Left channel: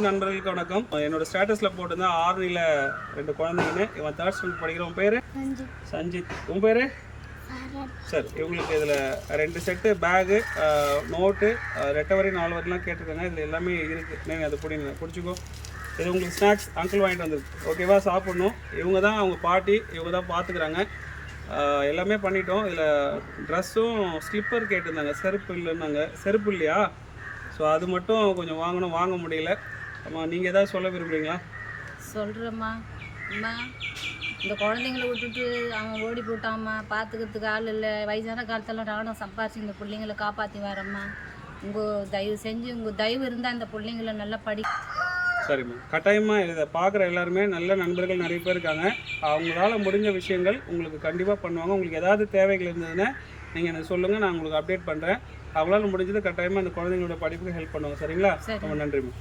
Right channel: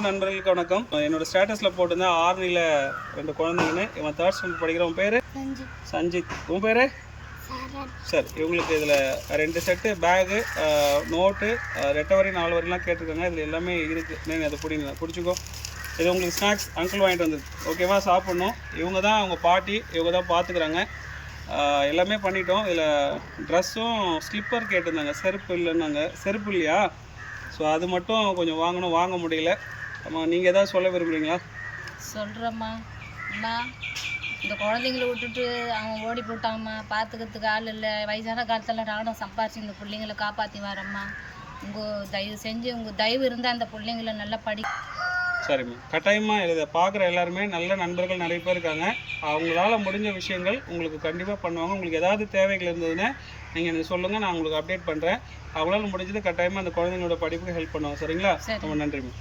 நண்பர்களுக்கு வணக்கம். என்னோட ஸ்டேட்டஸ்ல போட்டிருந்தேன் ஆர்னில 2 குழந்தைங்கன்னு. இவன் 3rd ஸ்டாண்டர்ட் படிக்கிற. உன் பேரு சஞ்சித். உன் பேரு சரி. இவங்களுக்கு இதில் 2 செட்டு பேகு, நோட்டு, 2 வரி 4 வரிலாம் கேட்டிருக்காங்க. இதில் எல்லாமே இருக்குது. நீங்கள் அதை குடிச்சுக்கோ. இது உங்களுக்கு ஸ்நாக்ஸ் அங்கிள் வாங்கிட்டு வந்துருக்கு. ஓகேவா? சாப்பிட்ணும். இவங்க தான் அவங்க பாட்டி, இவங்க தான் பார்த்துக்குறாங்க. எல்லாமே பண்ணிட்டோம். இதில் ட்ரெஸ்ஸும் ஸ்லிப்பர் கேட்டிருந்தாங்க. செருப்பு இல்லைன்னாங்க. செருப்பு இல்லையா? ஸோ அது மட்டும் கொஞ்சம் வாங்கணும், வாங்க முடியல. ஆமாம், நீங்கள் எதாவது சொல்ல விரும்புகிறீங்களா? சொல்கிறேம்மா. அம்மா, இந்த குழந்தைங்கள விட்டுட்டு அவன் ஓடி போட்டாம்மா, பார்த்துக்கிறதுக்கு ஆள் இல்லை. வயசான காலத்தில் நானும் சம்பாரிச்சு இந்த பிள்ளைங்களை காப்பாற்றி வரேம்மா. தயவு செஞ்சு உங்கள் தயவு இருந்தால் இந்த பிள்ளைங்களை நல்லா சரிம்மா, கட்டாயமாக இதை பார்க்குற எல்லாருமே நல்ல நண்பர்கள் நிறைய பேர் இருக்காங்க. அவங்களால முடிஞ்ச விஷயங்கள் உங்களுக்கு கண்டிப்பாக பண்ணுவாங்க. உங்களுக்கு ஏதாவது தேவைகள் இருந்ததுன்னா நீங்கள் எனக்கு சொல்லுங்கள், நான் உங்களுக்கு அப்டேட் பண்ணுறேன். அவங்களால முடிஞ்சது கட்டாயமாக அந்த குழந்தைங்களோட படிப்புக்கு ஹெல்ப் பண்ணுவாங்க. சரிங்களா? ரொம்ப நன்றிம்மா.